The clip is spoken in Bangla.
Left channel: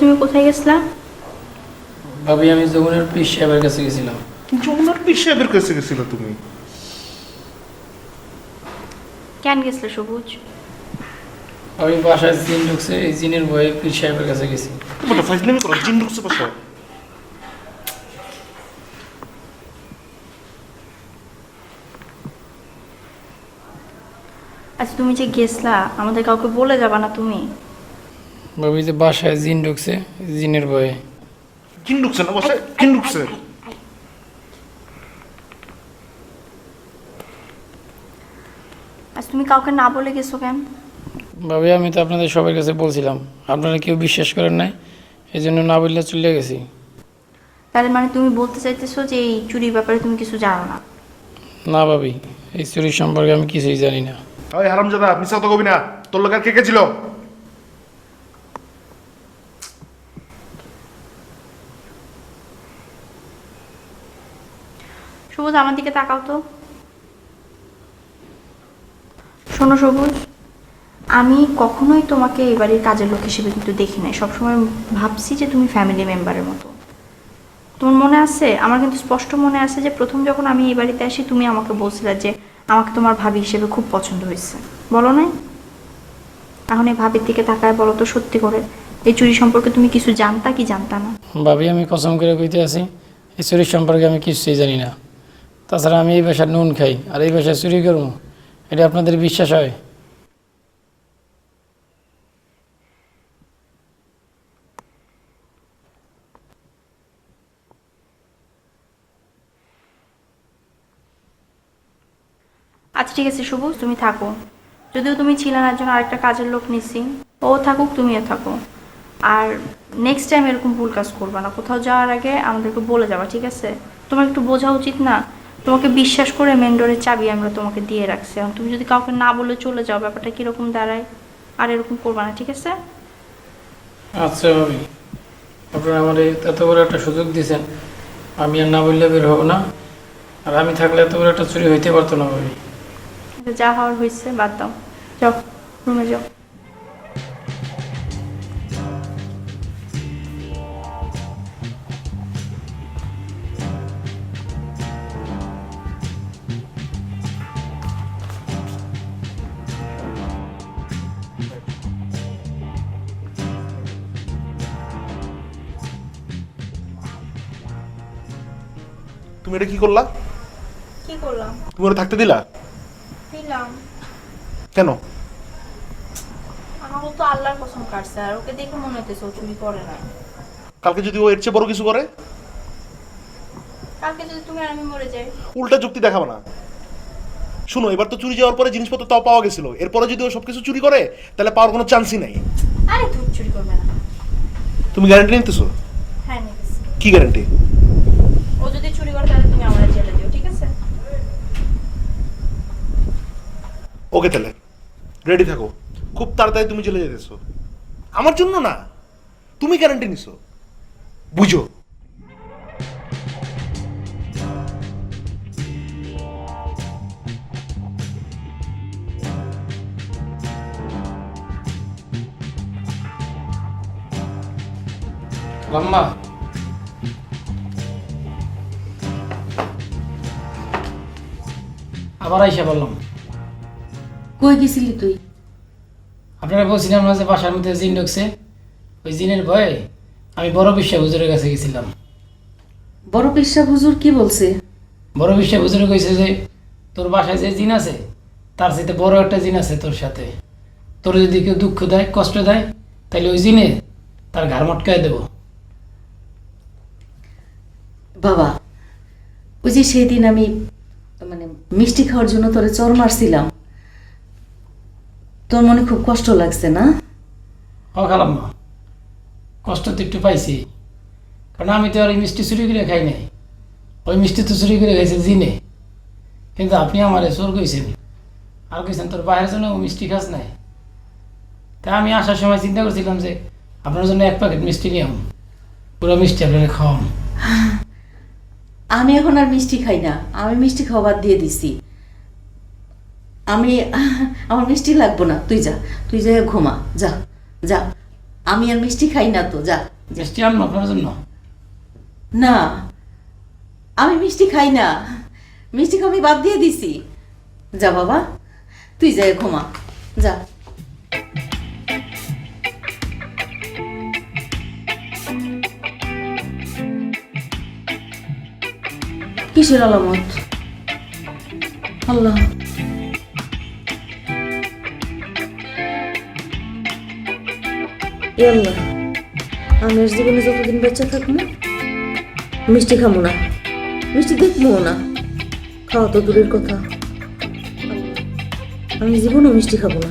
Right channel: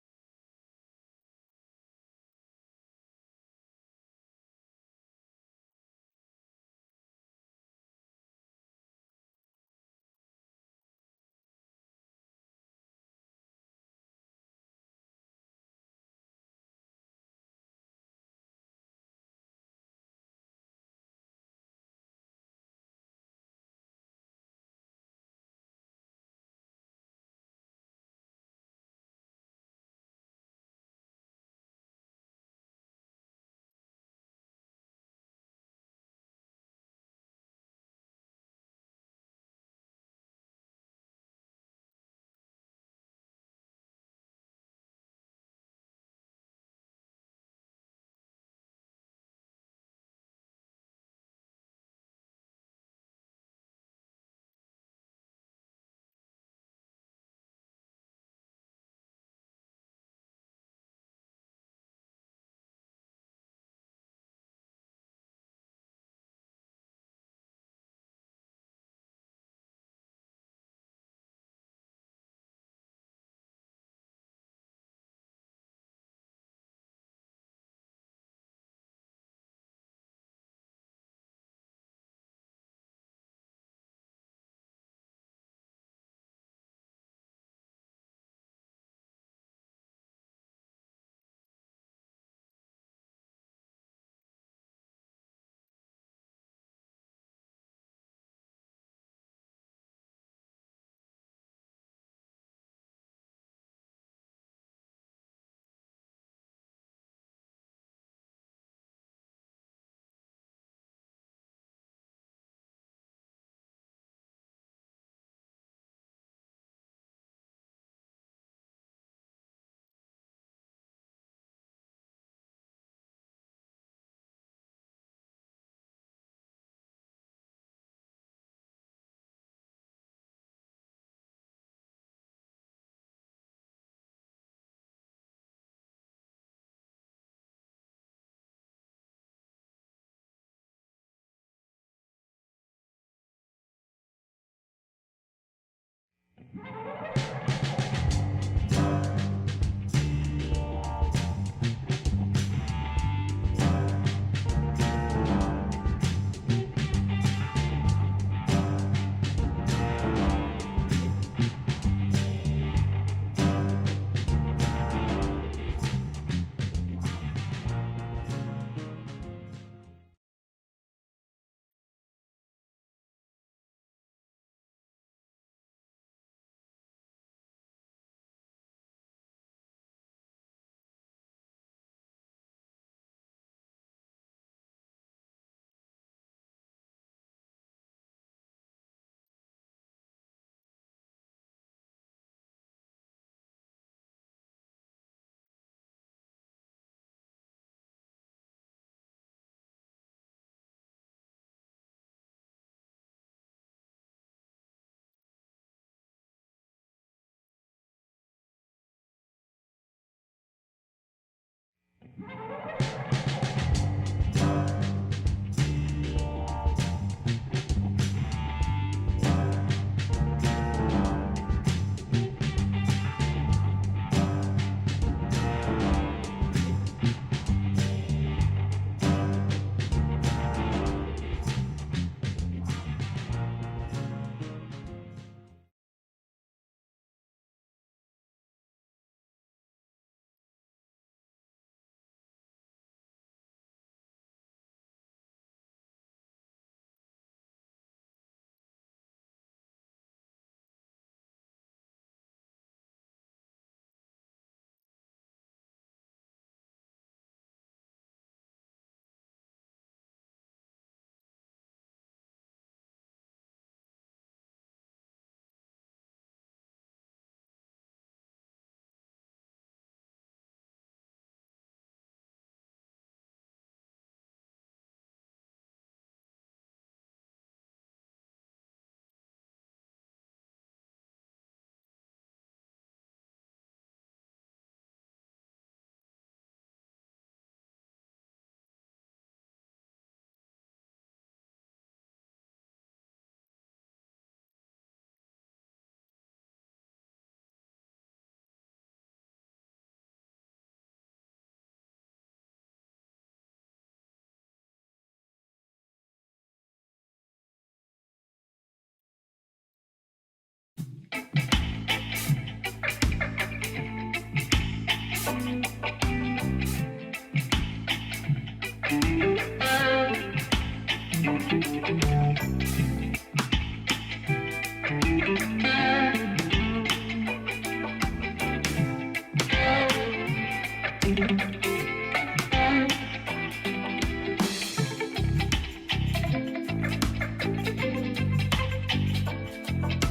তুমি কোথায় গেছিলা ভাবি আমি যমুনের পিস সাহেবের কাছে গেছিলাম। যমুনার পীর সাহেবের কাছে গেছিল তুমি? কেন গেছিলে সবুজ? আমি বাসায় জিন ঢুকছে এই জিনের ভয়ে পিস সাহেবের কাছে গেছি। তোমার ফাইজলামি করো জিন ঢুকছে বাসায়। আচ্ছা তুমি যে গেছলা আমাদের কাউকে বলে যাবা না তুমি? ভাবি যে বাসায় জিন ঢুকছে জিনের ভয়ে। জিন ঢুকছে না? বাসায় জিন ঢুকছে? আচ্ছা তুমি কাউকে না বলে গেছো কেন? ভাবি আমি তো আপনাদের সবার কাছে বলছিলাম আপনারা কেউ বিশ্বাস করেন নাই এই জন্য না বললে চলে গেছি। তাহলে মানে তুমি বলতে চাইতেছো যে এই চুরির ব্যাপারে তুমি কিছু জানো না? না ভাবি এই চুরির সম্পর্কে আমি কিছুই জানি না। ওই হারামজাদা মিশা তো কবি না। তোর লোক আর কে কে ছিল? সবুজ, আমার দিকে তাকাও তো। শোনো সবুজ, আমি কখনোই তোমাকে এই বাড়ির কাজের লোক হিসেবে কিন্তু দেখি নাই। সবসময় ভাবছি যে তুমি ফ্যামিলি মেম্বারের মতো। তোমার মনে আছে? আমার কিন্তু স্পষ্ট মনে আছে যে প্রথম যখন আমি এই বাড়িতে আসি, তুমি আমাকে বলছিলে যে আমাকে তোমার ভাবি হিসেবে খুব পছন্দ হয়েছে। বলো নাই? এখন এই ভাবির দিকে তাকায় বলো তো সত্যি করে। এই চুরি সম্পর্কে তুমি কিছু জানতা কি জানতা না? ভাবি, আমি কসম করে কইতে আছি, এই চুরির সম্পর্কে আমি কিছুই জানি না। তাছাড়া আমি এই বাসায় নুন খাই, আর এই বাসায় চুরি করব, এটা আপনাদের বিশ্বাস হয়? আচ্ছা ঠিক আছে শুভ, তুমি থাকো। যদিও তুমি ছিলে না, একজন আরেকটা কাজের লোক নিছি। ও থাকুক, তুমিও থাকো। আর নেক্সট টাইম এরকম ভুল কাজ করবে না। কোথাও যাওয়ার আগে আমাদেরকে বলে যাবা, ঠিক আছে? তোমার একটু বোঝা উচিত না? তোমাকে বিশ্বাস করে মেন ডোরের চাবি আমরা তোমাকে দিয়ে রাখছি। এখন তুমি যদি কাউকে না বলে চলে যাও ব্যাপারটা কীরকম দাঁড়ায়? আর এরকম করবা না ঠিক আছে? আচ্ছা ভাবি। আপনারা আমার এত বড় একটা সুযোগ দিয়েছেন আমি আর না বললে বের হব না। আর আমি থাকলে এত বড় একটা চুরি হইতে পারতো না ভাবি। আচ্ছা, যা হওয়ার হয়েছে বাদ দাও। যাও রুমে যাও। তুমি এটা কি করলা? কি করলাম? তুমি ওরা থাকতে দিলা? দিলাম। কেন? আমার তো আল্লাহর কসম কাটছে আর ওকে দেখে মনে হইতেছে ও চুরি করে না কালকে যদি ও এর চেয়ে বড় কিছু করে? কালকে যদি তুমি আর আমি মরে যাই। উল্টা যুক্তি দেখাবো না। শুনো এবার তো চুরি যাওয়ার পরে জিনিসপত্র তাও পাওয়া গেছিল। এরপরে যদি ও সবকিছু চুরি করে তাহলে পাওয়ার কোনো চান্সই নাই। আরে তুই চুরি করবে না। তুমি গ্যারান্টি নিতেছো? হ্যাঁ নিতেছি। কি গ্যারান্টি ও যদি চুরি করে তাহলে তুমি আমার জেলে দিও ঠিক আছে? ওকে তাহলে রেডি থাকো। খুব তাড়াতাড়ি তুমি চলে যেতেছো আমার জন্য না তুমি গ্যারান্টি নিছো। বুঝো। লাম্মা আবার আইসা বললাম। কই গেছিলি তুই? আপনারা বলছিলাম না যে বাসার মধ্যে জিন ঢুকছে ওই জিনের ভয়ে আমি বড় বিশ্ব হুজুরের কাছে গেছিলাম। বড় পেশা হুজুর কি বলছে? বড় বিশ্ব হুজুরে কইছে যে তোর বাসায় যে জিন আছে তার সাথে বড় একটা জিন আছে তোর সাথে। তোর যদি কেউ দুঃখ দেয় কষ্ট দেয় তাহলে ওই জিনে তার ঘাড় মটকায় দেবো। বাবা ওই যে সেদিন আমি মিষ্টি খাওয়ার জন্য তোরে চর মারছিলাম। তোর মনে খুব কষ্ট লাগছে না? ও খালাম কষ্ট তো একটু পাইছি, কারণ আমি তো আর মিষ্টি চুরি করে খাই নাই। ওই মিষ্টি তো চুরি করে খাইছে জিনে, কিন্তু আপনি আমার চোর কইছেন। আর কইছেন, তোর বাইরের জন্য মিষ্টি খাস নাই। তা আমি আসার সময় চিন্তা করছিলাম যে আপনার জন্য এক প্যাকেট মিষ্টি নিয়াম পুরো মিষ্টি আপনারা খাওয়াম। আমি এখন আর মিষ্টি খাই না। আমি মিষ্টি খাওয়া বাদ দিয়ে দিছি। আমি আমার মিষ্টি লাগবো না। তুই যা তুই যা ঘুমা যা যা। আমি আর মিষ্টি খাই না তো যা মিষ্টি আনব আপনার জন্য? না আমি মিষ্টি খাই না। মিষ্টি খাওয়া আমি বাদ দিয়ে দিছি। যা বাবা তুই যাই ঘুমা যা। কিসের আলামত? আল্লাহ। আল্লাহ জীবনে যতদিন বেঁচে থাকব মিষ্টি খাব না, মিষ্টি দেখব না, খাওয়া তো দূরের কথা। আমি জীবনও মিষ্টি খাব না।